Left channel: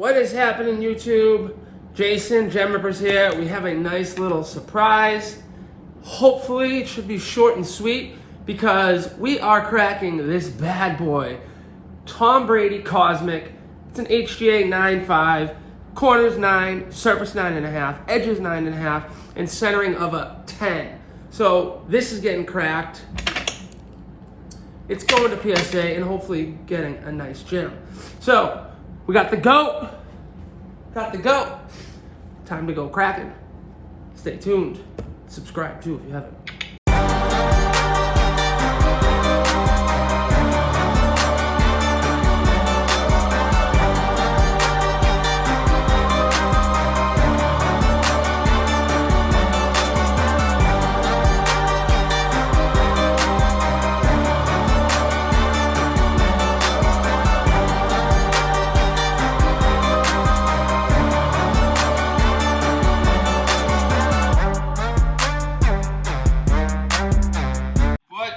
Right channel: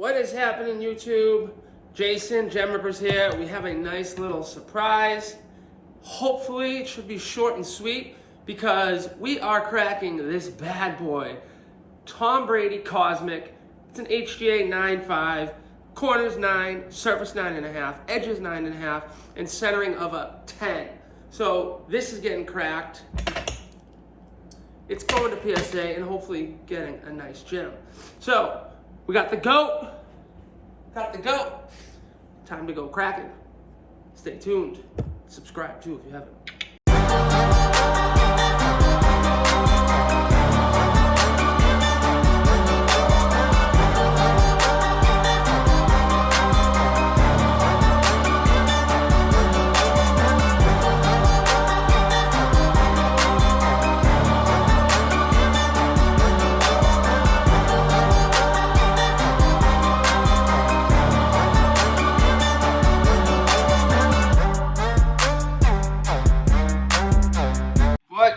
What is happening, YouTube? Jason, Gem Rippers here. We have a nice little surprise. Hopefully it should be short and sweet because we are cracking this bad boy. Tom Brady Cosmic. It's an HGA 9.5, corners 9, surface 9.5, edges 9.5, and centering of a 10. So this is getting cracked. It's going to PSA and hopefully getting a nice gem. So we got the GOAT. Time to go cracking. Stay tuned. Subscribe too if you haven't.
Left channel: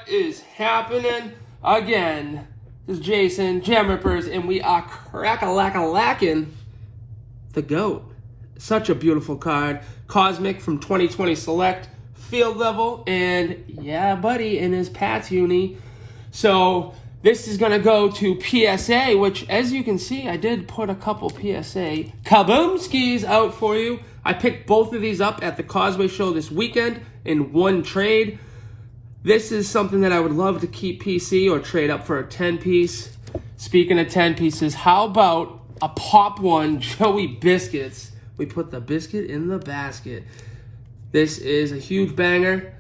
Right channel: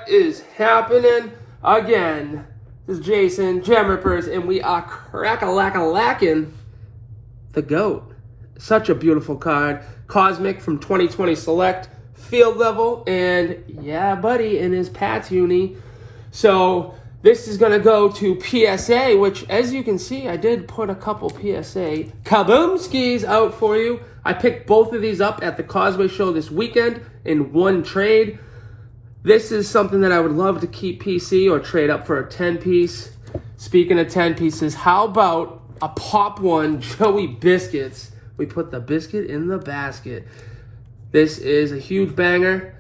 Is happening again? This is Jason, Gem Rippers, and we are crack-a-lack-a-lacking the GOAT. Such a beautiful card. Cosmic from 2020 Select, field level, and yeah, buddy, in his Pats uni. So this is gonna go to PSA, which, as you can see, I did put a couple PSA kaboom skis out for you. I picked both of these up at the Causeway Show this weekend in one trade. This is something that I would love to keep PC or trade up for a 10-piece. Speaking of 10 pieces, how about a Pop One Joey Biscuits? We put the biscuit in the basket. This is a huge banger.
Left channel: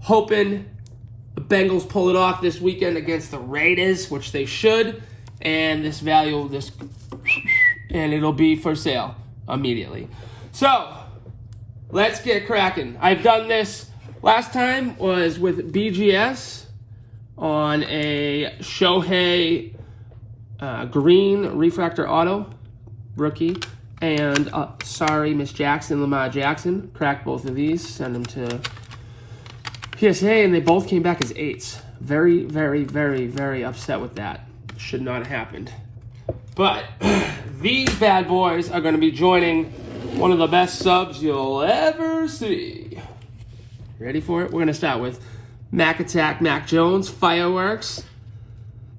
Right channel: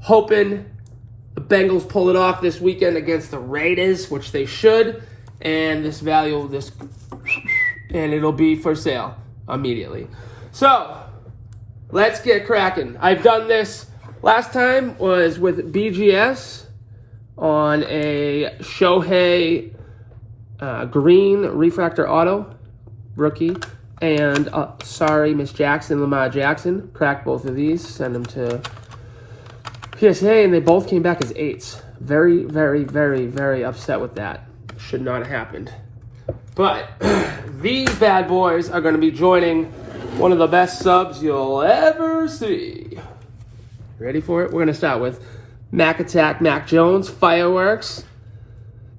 Hoping the Bengals pull it off this weekend against the Raiders, which they should. And this value will just, and it'll be for sale immediately. So, let's get cracking. I've done this. Last time was with BGS on a Shohei green refractor auto rookie, and sorry, Miss Jackson, Lamar Jackson. Cracked both of these, send them to PSA, and they both came back as 8s. Very, very, very, very upset with that. Should not have happened. But these bad boys are going to be joining one of the best subs you'll ever see. Ready for it? We're going to start with Mac Attack, Mac Jones, Fireworks.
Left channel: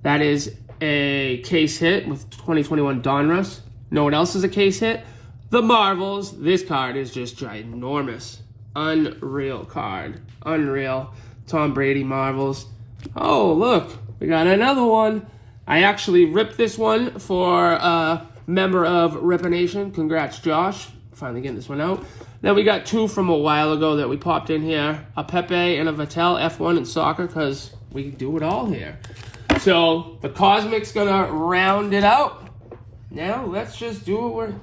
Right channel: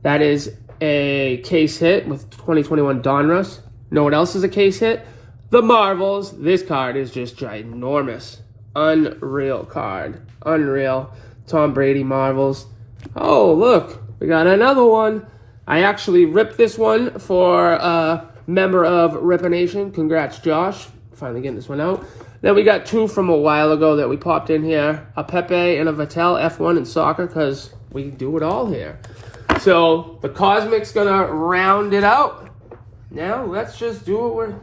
That is a case hit with 2021 Donruss. Know what else is a case hit? The Marvels. This card is just ginormous. Unreal card. Unreal. Tom Brady Marvels. Oh, look. We got another one. I actually ripped this one for a member of Rippah Nation. Congrats, Josh. Finally getting this one out. Then we got two from a while ago that we popped in here. A Pepe and a Vattel F1 in soccer because we do it all here. So the Cosmic's gonna round it out. Now let's just do what we're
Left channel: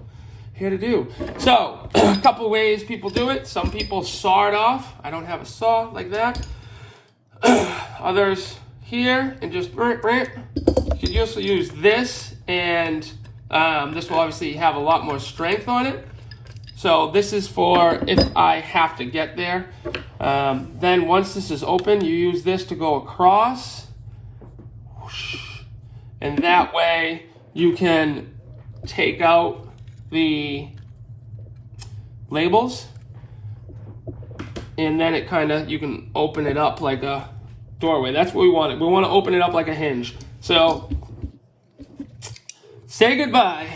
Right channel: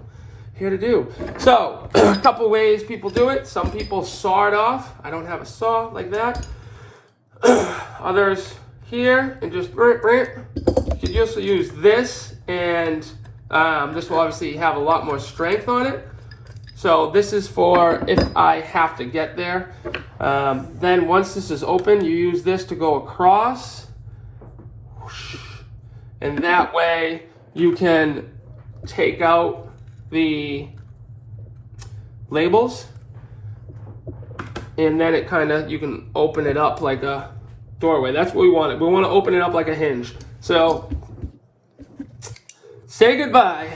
here to do. So a couple ways people do it. Some people saw it off. I don't have a saw like that. Others here and just you could also use this, and this will obviously have a lot more strength on it. So this is for if I have to get there. Then once this is open, you use this to go across. And that way you can take out the labels. And then it kind of, you can open it up like a doorway. That's what we want. We want to open it up like a hinge. So say goodbye.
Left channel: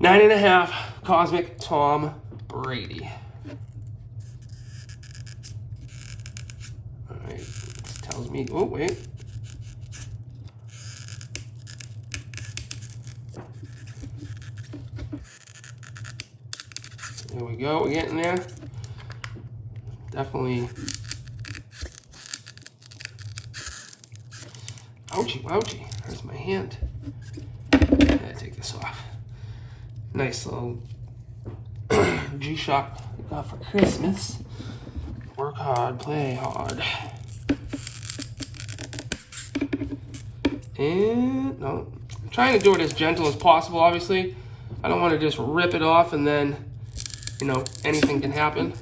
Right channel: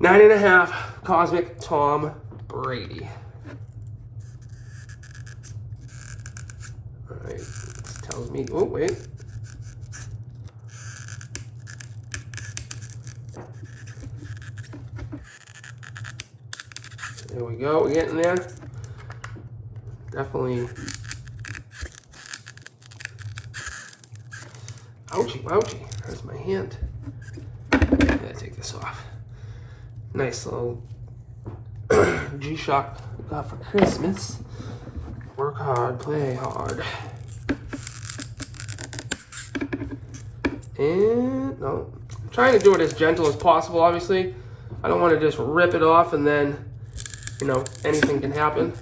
9.5 Cosmic Tom Brady. All right, this tells me, oh wait. There we go, we're getting there. Definitely. Ouchie, ouchie, that's my hand. I gotta take this off. Nice little G-Shock we got for Christmas. Work hard, play hard. And no, I'm trying to do it as gentle as possible, obviously. I don't want to just rip it off and then, you know, anything can happen.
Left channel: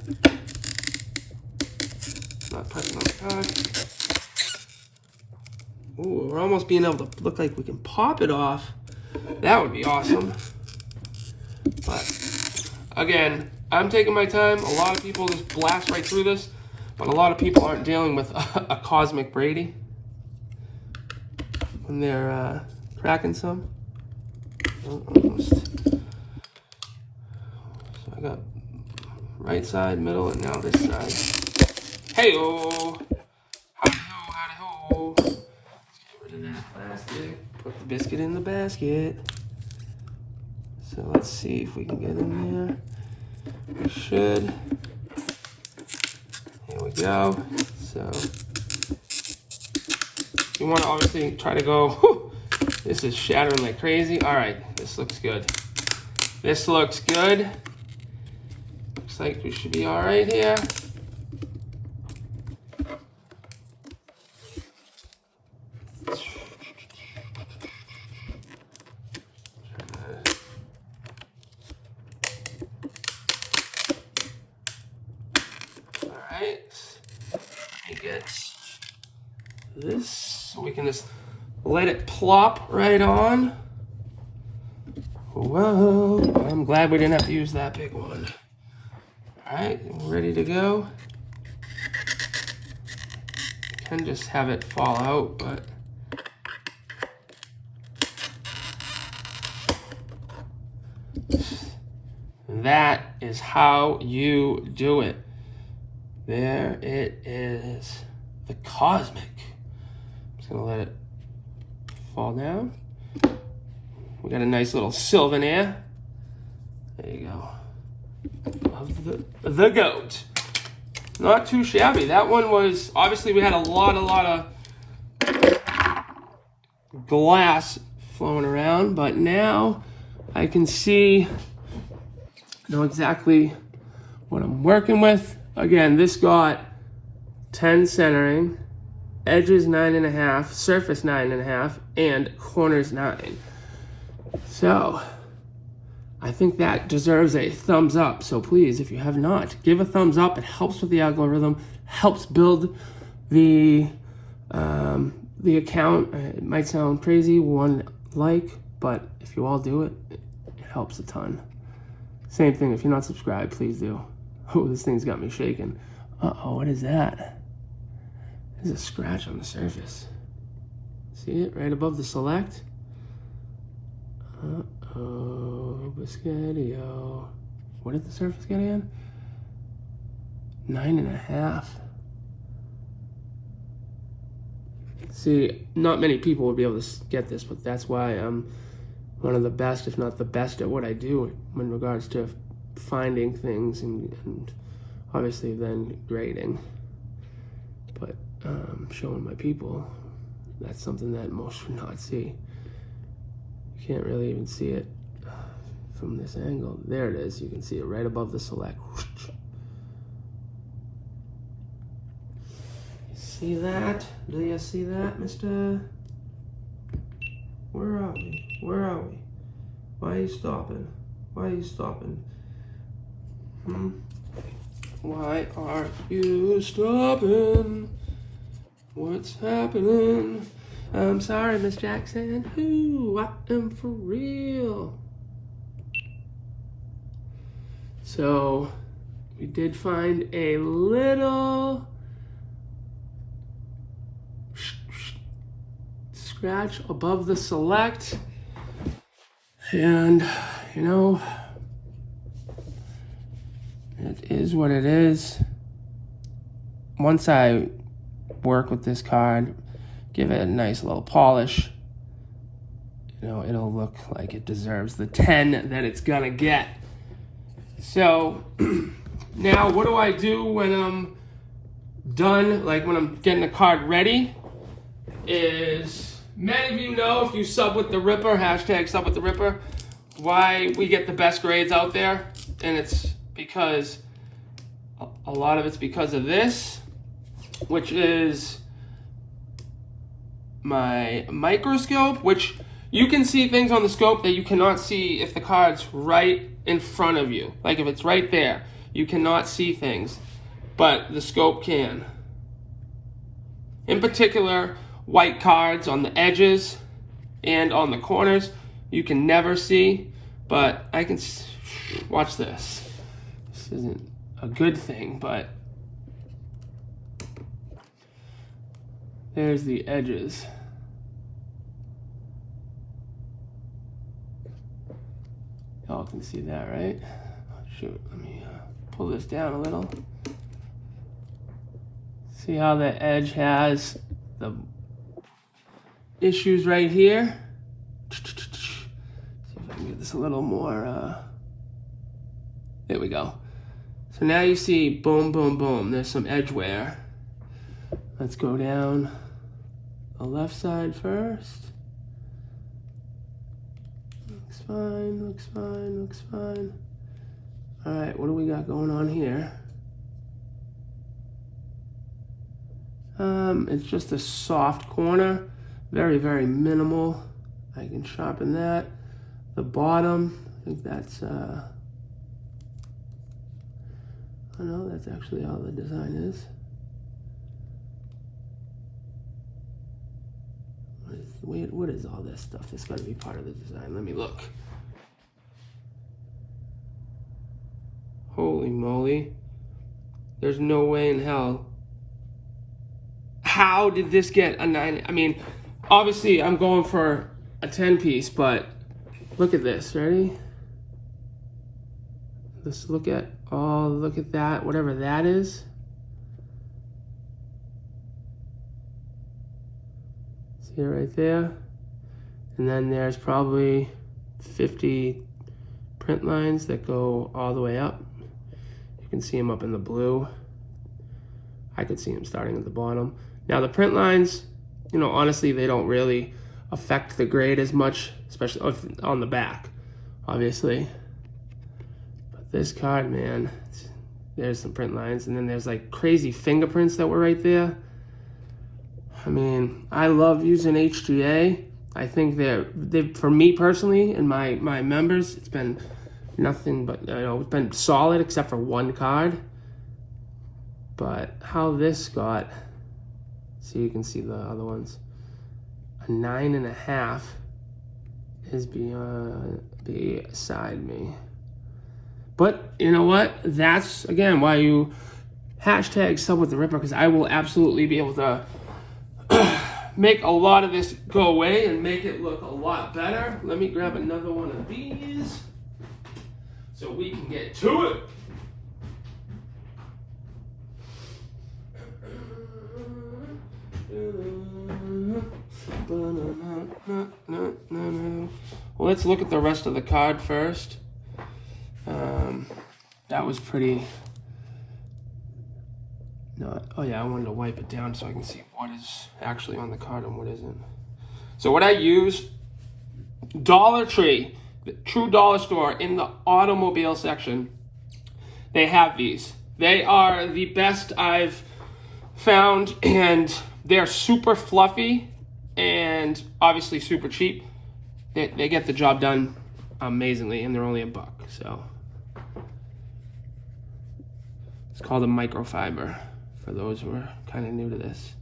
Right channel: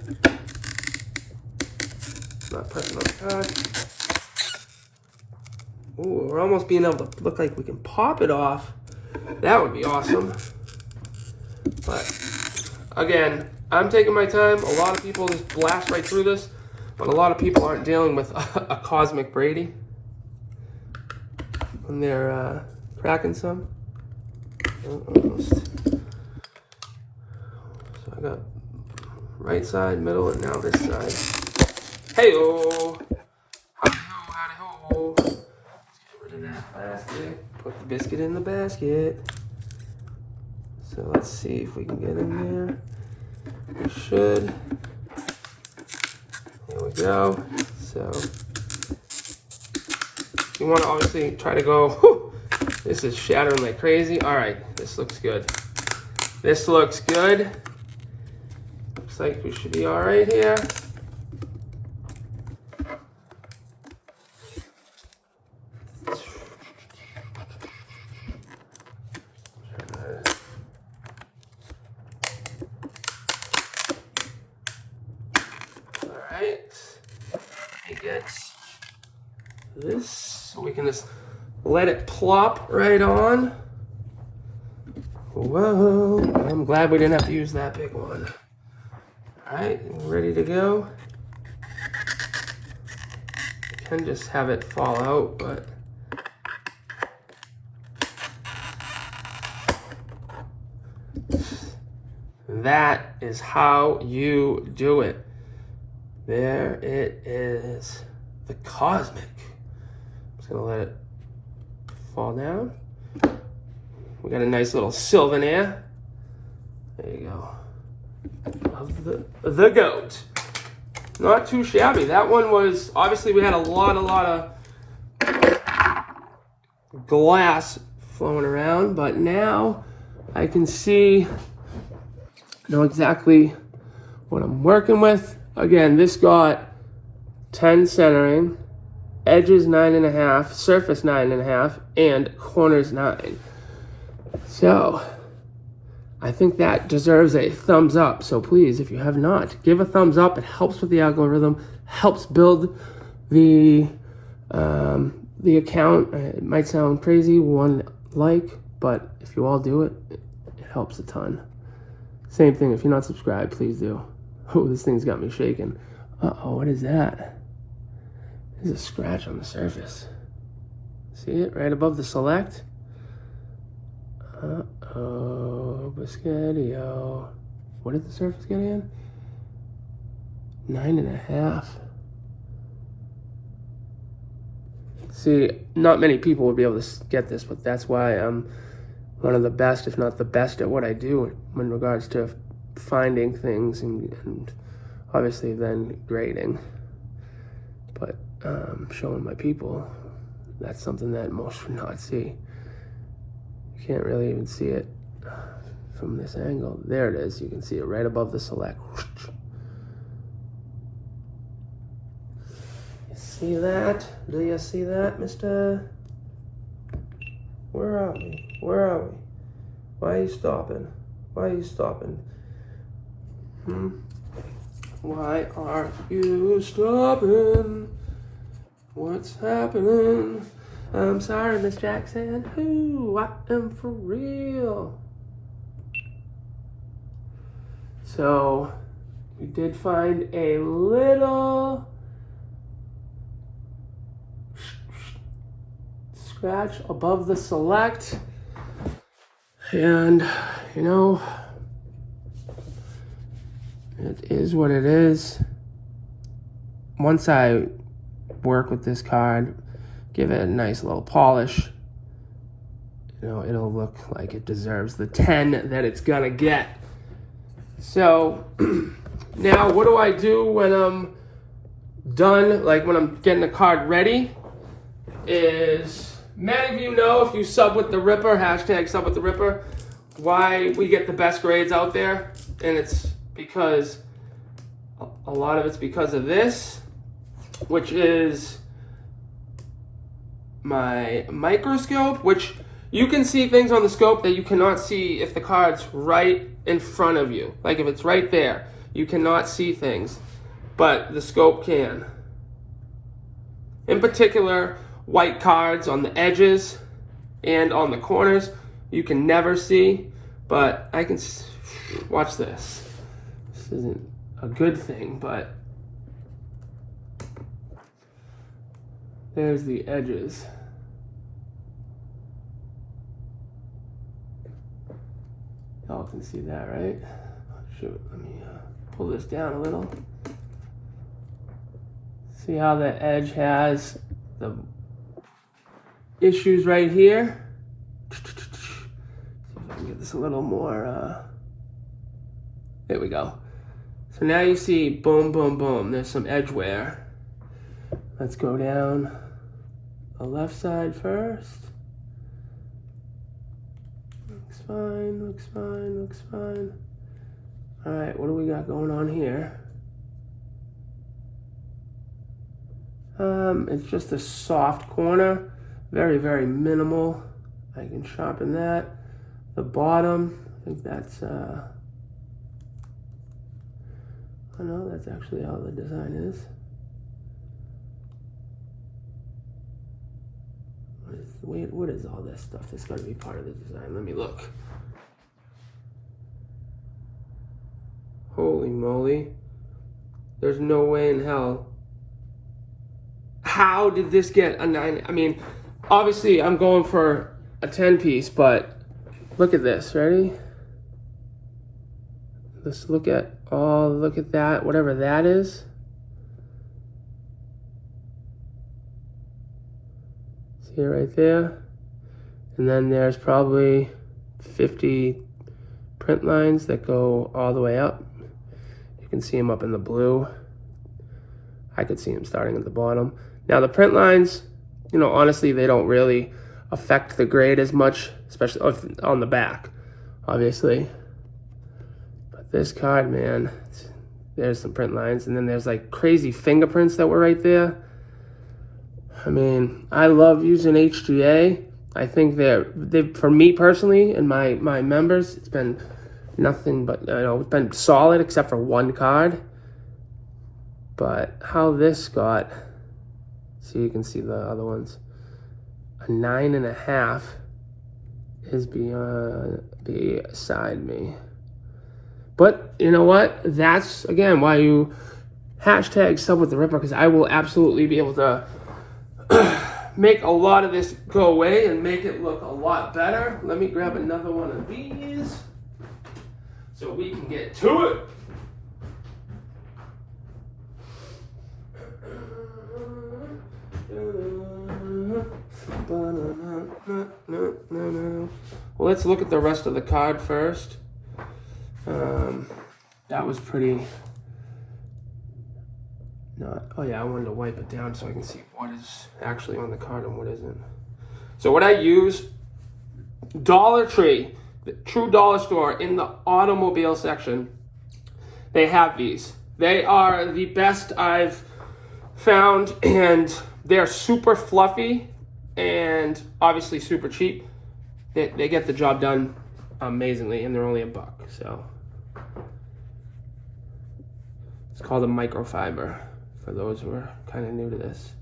Not touching my card. Ooh, we're almost being able to look like we can pop it off. That would be awesome. But again, I'm taking my time. A lot of people just blast right through this, but a lot of people aren't dealing with a cosmic Brady when they're cracking some. Almost. So I got right side, middle, and now this side. Hey-oh! Howdy-ho, howdy-ho! Let's get rid of that plastic. Put the biscuit in the basket. So let's see if we can get in there. We should. Here we go. So you want to obviously try to go, whew, this is shattering like crazy. All right, this looks good. This looks good. Looks like we should be all right here. It gets this, so we can just let it plop right on. Whoa, I'm glad we didn't have to use that big one. All right, ready to go. Can just have it fall out, but that is how you do it. There it is, the cosmic. I'm just gonna let it fall down. We got a nice little souvenir. There you go. Of the goat. Not too shabby. That one was, obviously we had a lot of glass flowing around, but now I can know exactly what I'm working with. Again, this got 10 centering, edges 9.5, surface 9.5, and corners 9. So I think that deserves a thumbs up. So please, if you have not, give a thumbs up. It helps with the algorithm, helps build the account. It might sound crazy, one like, but if you all do it, it helps a ton. Same thing, if you're not subscribed, please do. Oh, this thing's got me shaking. Uh-oh, what is that? There's a scratch on the surface. See it right above the select? Uh-oh, Biscottio. What did the surface get in? 9.5. See, not many people would be able to get this, but that's why I'm one of the best, if not the best, at what I do in regards to finding things and obviously then grading. But showing my people, that's something that most would not see. You can't really even see it from this angle. There it is. You can see it right above the select. You see that? Do you see that, mister? Where are we? Where are we? Why are you stopping? Why are you stopping? Why are you stopping? What's happening? I'm sorry, Miss Jackson. Ooh, I am for real. So, we did find a little scratch above the select. And, you know, it is what it is. Once I work with this card, give it a nice little polish, you know, it'll look like it deserves the 10 that it's gonna get. So now what do I do when I'm done, like when I'm getting the card ready, is many of you know, if you sub with the Rippah, hashtag sub with the Rippah, why we get the best grades out there. And it's because a lot of it's because of this, which is my microscope, which you can see things on the scope that you cannot see if the card's right in front of you. Like if it's right there, you cannot see things, but the scope can. In particular, white cards on the edges and on the corners, you can never see, but I can watch this. This isn't a good thing, but there's the edges. Y'all can see that, right? Shoot, let me pull this down a little. See how the edge has the issues right here? See if I can get this a little more, there we go. So now you see, boom, boom, boom, there's some edge wear. Let's go down the left side first. Looks fine, looks fine, looks fine. All right, what do we got going on here? It's just a soft corner, very, very minimal. I can sharpen that. The bottom, I think that's, oh no, that's actually how the design is. What is all this stuff that's going to be part of the design? Let me look. Holy moly. There's no way in hell. How did this get a 9? I mean, obviously I'm going for a 10 piece, but look at this. Ready? Let's look at that, whatever that is. See it right there? And then there's probably 50 print lines that go all the way up. You can see them up in the blue. I could see them starting at the bottom. Now the print lines, you know, honestly, they don't really affect the grade as much, especially on the back, obviously. But this card, man, there's some print lines, and then there's like crazy fingerprints that were right there. I mean, I love using HGA. I think they're for me personally and my members, it's been nothing but, you know, it's been solid except for one card. But how this got, so you can see the other ones, a 9.5 is beside me. But you know what? That's again why you hashtag sub with the Rippah, because I will absolutely be able to make a lot of this go away and make it look a lot better. Let me grab another one of these so we can get to it. Well, let's look at the rest of the card first. That was pretty not, oh yeah, I wanted to wipe it down so I can see what is actually on the card and what isn't. So what I use, Dollar Tree, the true dollar store, in the automobile section, they have these. They are the best I've found, and they're super fluffy and obviously super cheap. They get the job done amazingly, and they're only $1, so. It's called a microfiber, for those who are kind of new to this.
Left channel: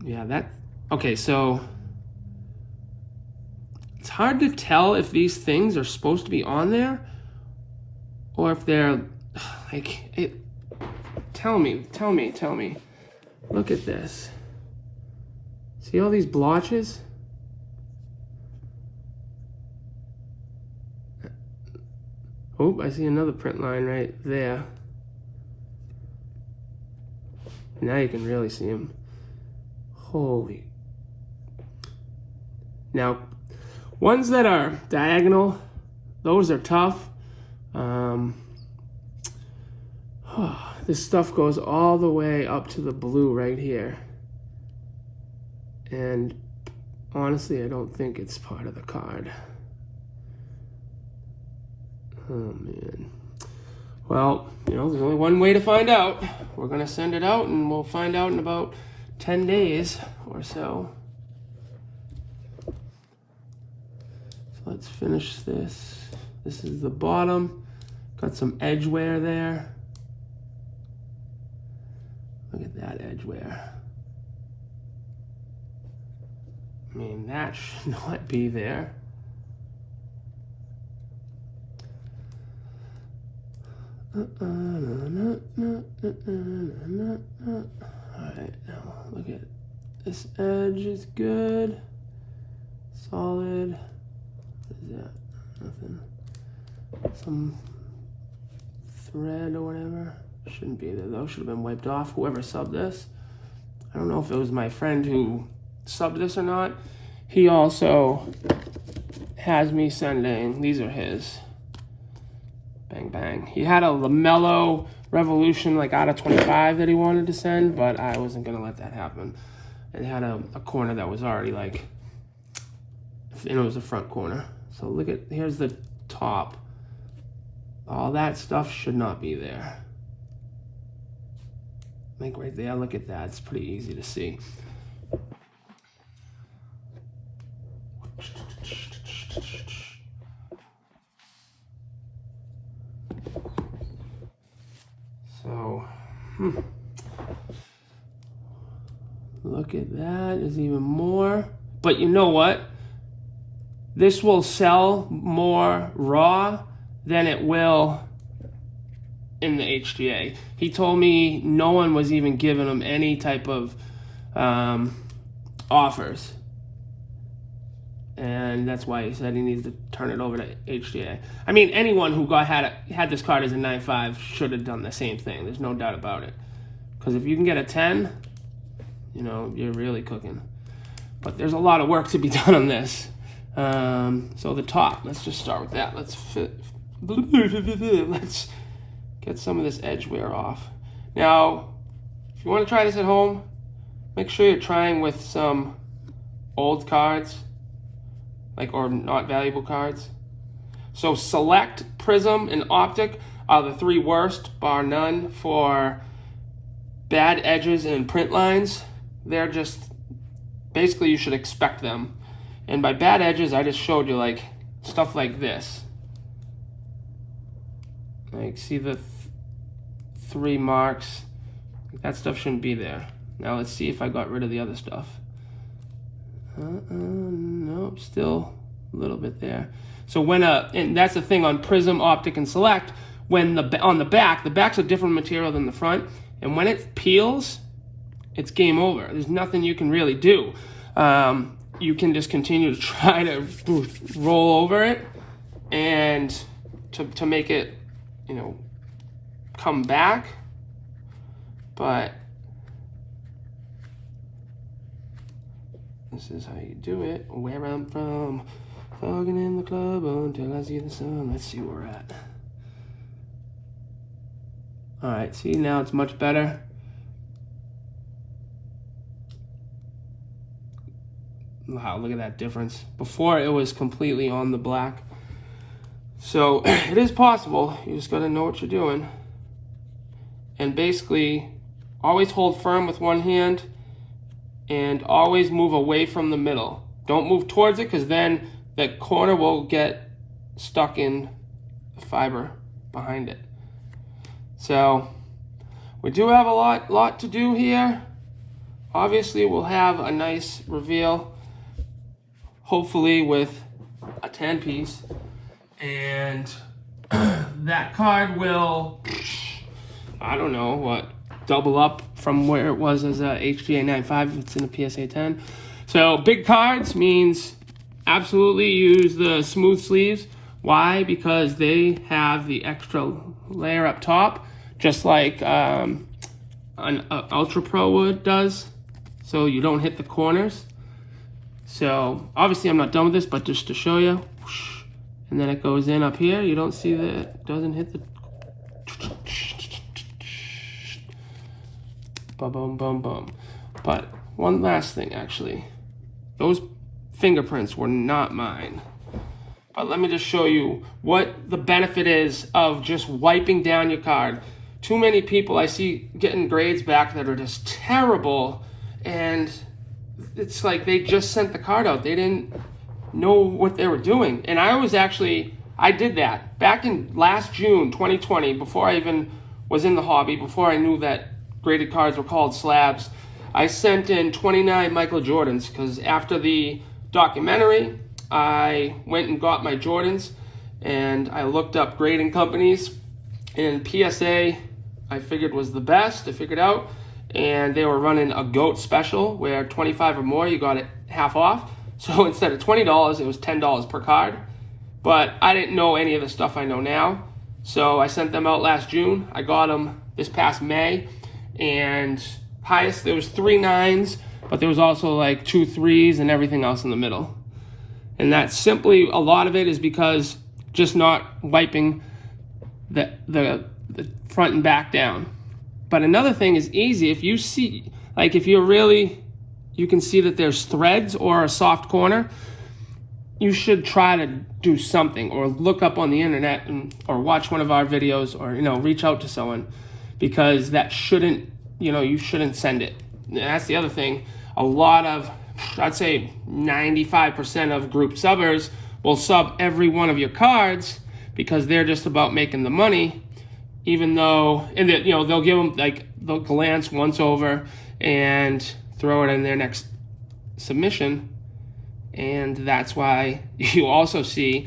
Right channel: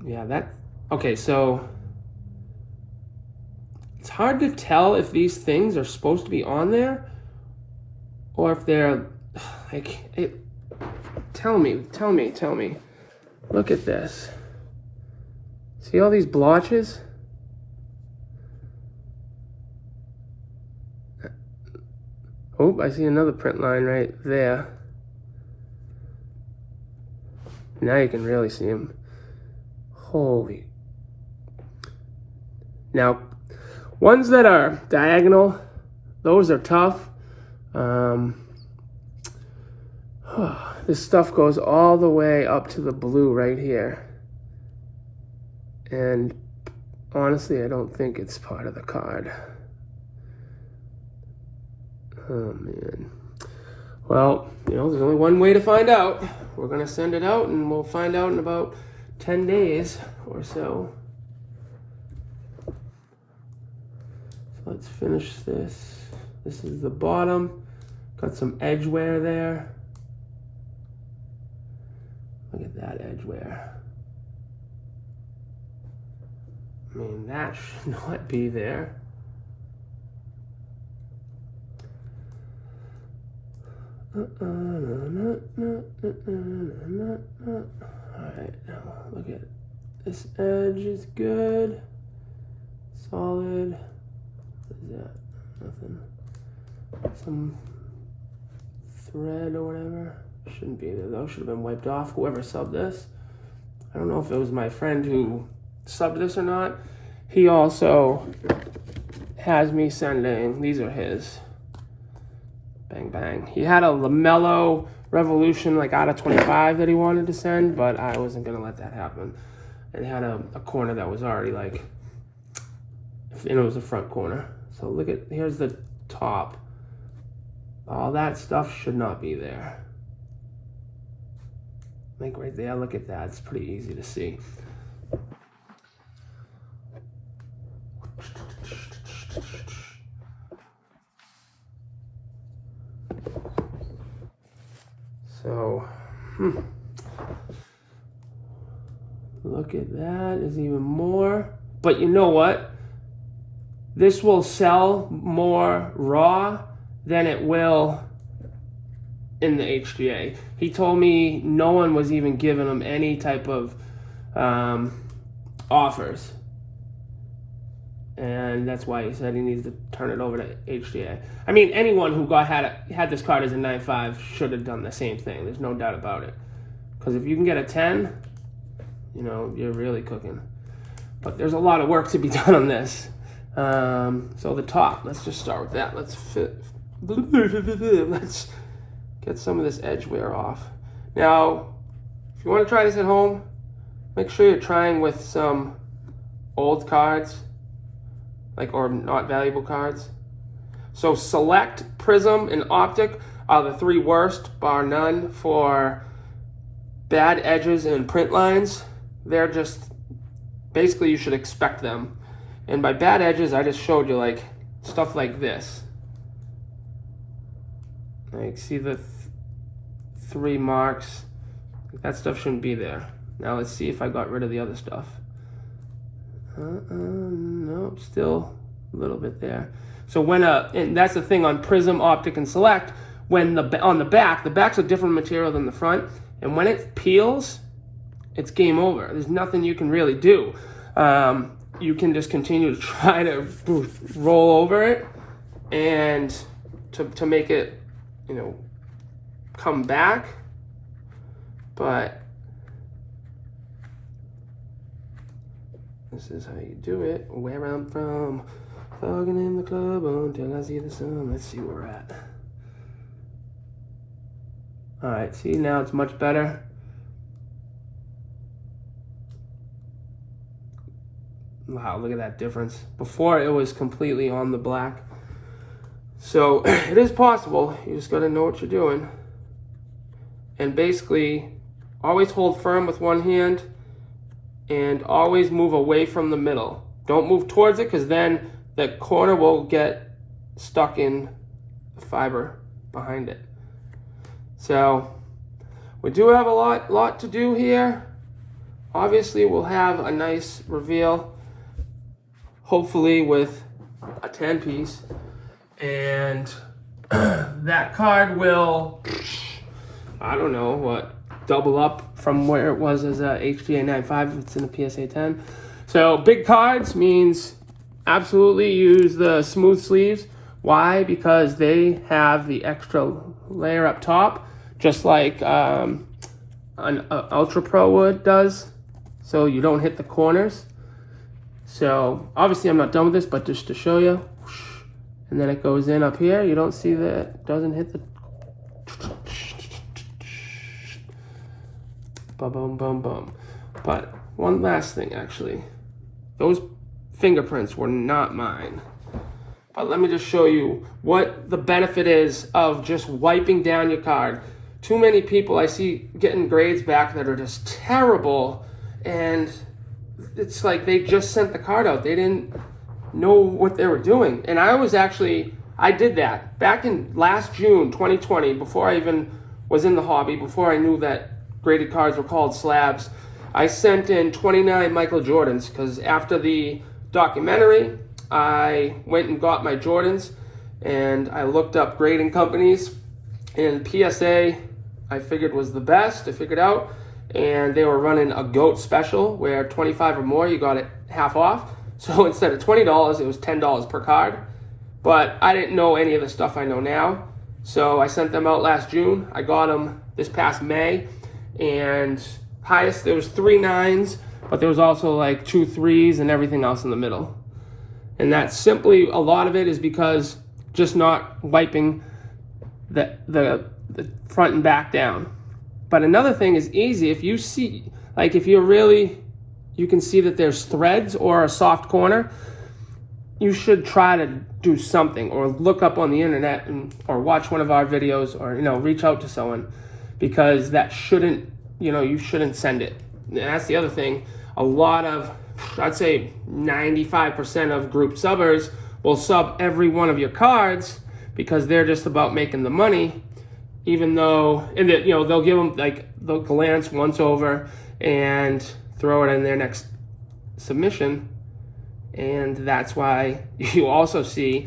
Yeah, okay, so it's hard to tell if these things are supposed to be on there or if they're like, tell me. Look at this. See all these blotches? Oh, I see another print line right there. Now you can really see them. Holy. Now, ones that are diagonal, those are tough. This stuff goes all the way up to the blue right here. And honestly, I don't think it's part of the card. Oh man. Well, you know, there's only one way to find out. We're gonna send it out and we'll find out in about 10 days or so. So let's finish this. This is the bottom. Got some edge wear there. Look at that edge wear. mean, that should not be there. Alright, now look at this edge is good. Solid. What is that? Nothing. Some thread or whatever. Shouldn't be there though. Should have been wiped off. Whoever subbed this. I don't know if it was my friend who subbed this or not. He also has me sending, these are his. Bang, bang. He had a LaMelo Revolution like out of 25 that he wanted to send, but I wasn't going to let that happen. It had a corner that was already like, and it was a front corner. So look at, here's the top. All that stuff should not be there. Like right there, look at that. It's pretty easy to see. So, look at that, there's even more. But you know what? This will sell more raw than it will in the HGA. He told me no one was even giving him any type of offers. And that's why he said he needs to turn it over to HGA. I mean, anyone who had this card as a 9.5 should have done the same thing. There's no doubt about it. Because if you can get a 10, you know, you're really cooking. But there's a lot of work to be done on this. So the top, let's just start with that. Let's get some of this edge wear off. Now, if you want to try this at home, make sure you're trying with some old cards. Or not valuable cards. So Select, Prism, and Optic are the three worst, bar none, for bad edges and print lines. They're just, basically you should expect them. And by bad edges, I just showed you like stuff like this. Like, see the three marks? That stuff shouldn't be there. Now let's see if I got rid of the other stuff. Nope, still a little bit there. So when and that's the thing on Prism, Optic, and Select, when on the back's a different material than the front, and when it peels, it's game over. There's nothing you can really do. You can just continue to try to roll over it and to make it, you know, come back, but this is how you do it. Where I'm from, fogging in the club until I see the sun. Let's see where we're at. All right, see, now it's much better. Wow, look at that difference. Before it was completely on the black. So it is possible. You just gotta know what you're doing. And basically, always hold firm with one hand and always move away from the middle. Don't move towards it, because then the corner will get stuck in the fiber behind it. So we do have a lot to do here. Obviously, we'll have a nice reveal, hopefully with a 10 piece. And that card will, I don't know what, double up from where it was as a HGA 9.5 if it's in a PSA 10. So big cards means absolutely use the smooth sleeves. Why? Because they have the extra layer up top, just like an Ultra Pro wood does, so you don't hit the corners. So obviously I'm not done with this, but just to show you, and then it goes in up here. You don't see that it doesn't hit the boom, boom, boom, boom. But one last thing, actually. Those fingerprints were not mine. But let me just show you what the benefit is of just wiping down your card. Too many people I see getting grades back that are just terrible, and it's like they just sent the card out. They didn't know what they were doing. And I did that back in last June 2020, before I even was in the hobby, before I knew that graded cards were called slabs. I sent in 29 Michael Jordans, because after the documentary, I went and got my Jordans, and I looked up grading companies, and PSA I figured was the best. I figured out, and they were running a GOAT special where 25 or more you got it half off. So instead of $20, it was $10 per card. But I didn't know any of the stuff I know now, so I sent them out last June. I got them this past May, and highest there was 3 9s, but there was also like 2 3s and everything else in the middle. And that's simply, a lot of it is because just not wiping the front and back down. But another thing is easy. If you see, like if you're really, you can see that there's threads or a soft corner, you should try to do something, or look up on the internet or watch one of our videos, or reach out to someone, because that shouldn't, you shouldn't send it. And that's the other thing. A lot of, I'd say 95% of group subbers will sub every one of your cards because they're just about making the money, even though, they'll give them, like, they'll glance once over and throw it in their next submission. And that's why you also see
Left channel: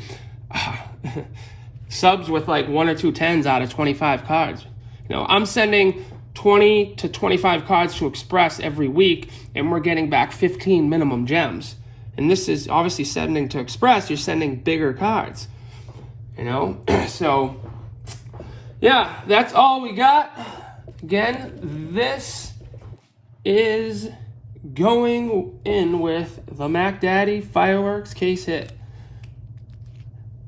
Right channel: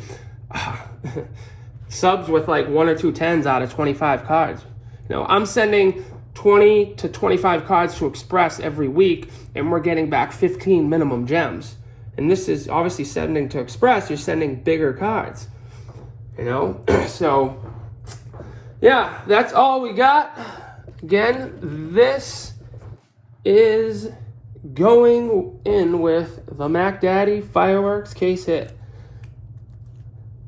subs with like 1 or 2 10s out of 25 cards. I'm sending 20 to 25 cards to Express every week, and we're getting back 15 minimum gems. And this is obviously sending to Express, you're sending bigger cards, So, yeah, that's all we got. Again, this is going in with the Mac Daddy Fireworks case hit.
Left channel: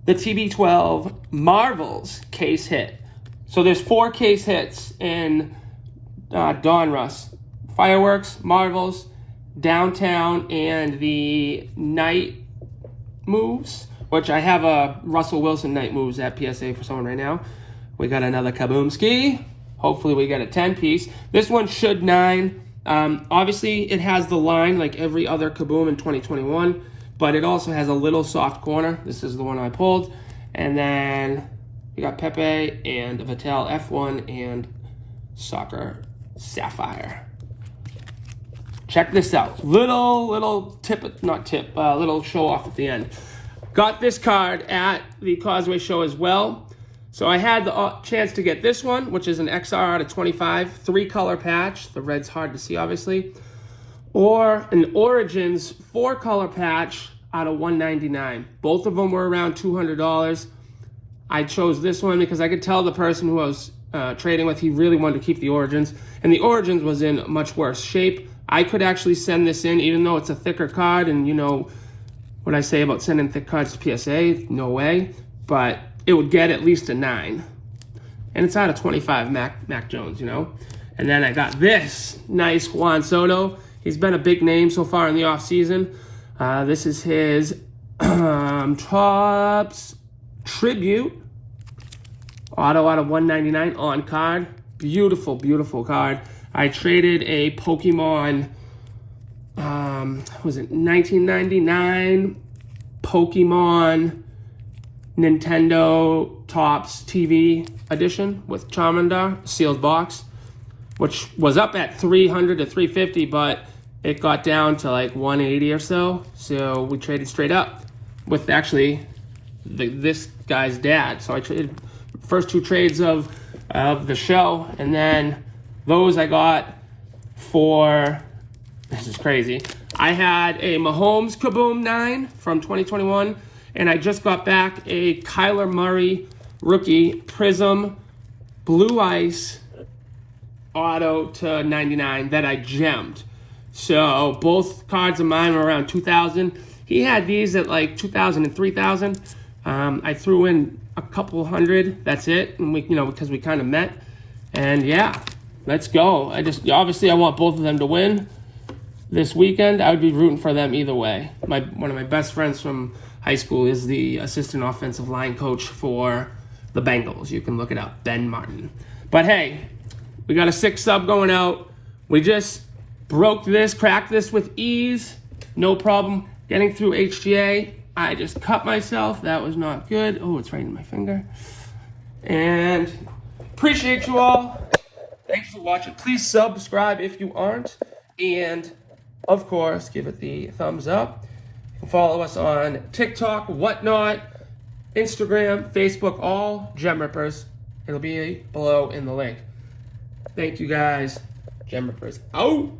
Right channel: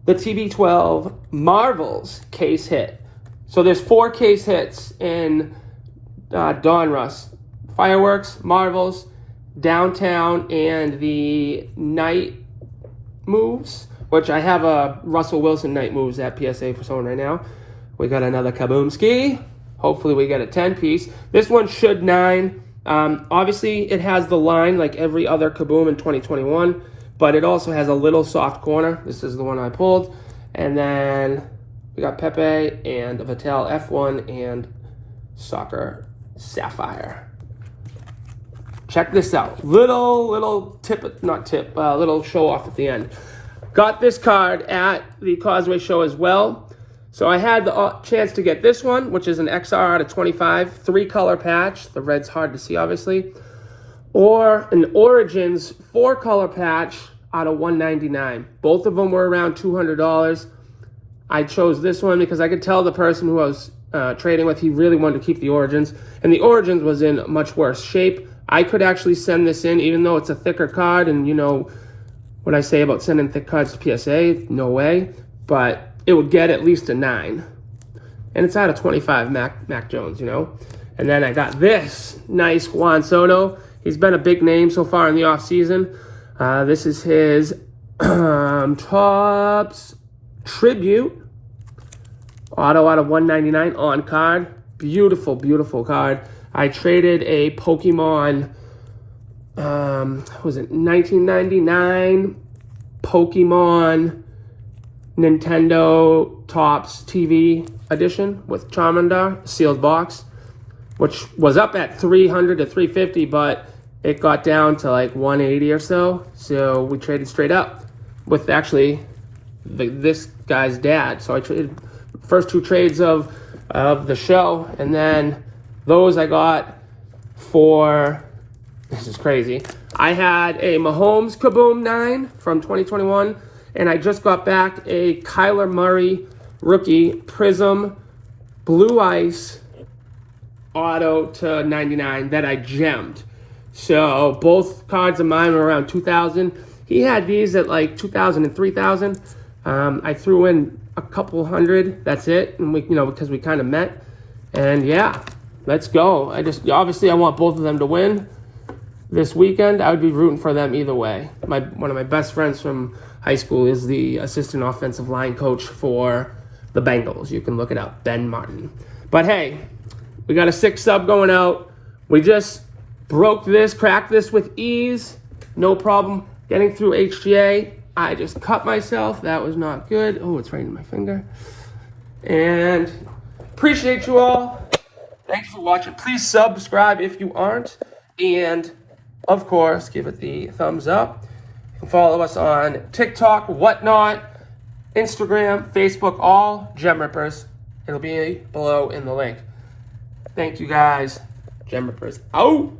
The TB12 Marvels case hit. So there's 4 case hits in Donruss. Fireworks, Marvels, Downtown, and the Night Moves, which I have a Russell Wilson Night Moves at PSA for someone right now. We got another Kaboomski. Hopefully we get a 10-piece. This one should 9. Obviously, it has the line like every other Kaboom in 2021, but it also has a little soft corner. This is the one I pulled. And then we got Pepe and Vattel F1 and Soccer Sapphire. Check this out. Little tip, not tip, little show off at the end. Got this card at the Causeway show as well. So I had the chance to get this one, which is an XR out of 25, 3-color patch. The red's hard to see, obviously. Or an Origins 4-color patch out of 199. Both of them were around $200. I chose this one because I could tell the person who I was trading with, he really wanted to keep the Origins. And the Origins was in much worse shape. I could actually send this in, even though it's a thicker card. And what I say about sending thick cards to PSA, no way. But it would get at least a 9. And it's out of 25 Mac Jones, And then I got this nice Juan Soto. He's been a big name so far in the offseason. This is his Topps Tribute. Auto out of 199 on card. Beautiful, beautiful card. I traded a Pokemon, was it 1999 Pokemon Nintendo Topps TV edition with Charmander, sealed box, which was up at 300 to 350, but it got down to like 180 or so. So we traded straight up with actually this guy's dad. So I traded first 2 trades of the show, and then those I got for, this is crazy. I had a Mahomes Kaboom 9 from 2021. And I just got back a Kyler Murray rookie Prism Blue Ice auto to 99 that I gemmed. So both cards of mine were around 2,000. He had these at like 2,000 and 3,000. I threw in a couple hundred. That's it. And we, because we kind of met. And yeah, let's go. Obviously I want both of them to win this weekend. I would be rooting for them either way. One of my best friends from high school is the assistant offensive line coach for the Bengals. You can look it up, Ben Martin. But hey, we got a 6 sub going out. We just cracked this with ease. No problem getting through HGA. I just cut myself. That was not good. Oh, it's right in my finger. And appreciate you all. Thanks for watching. Please subscribe if you aren't. And of course, give it the thumbs up. You can follow us on TikTok, whatnot, Instagram, Facebook, all Gem Rippers. It'll be below in the link. Thank you guys. Gem Rippers out.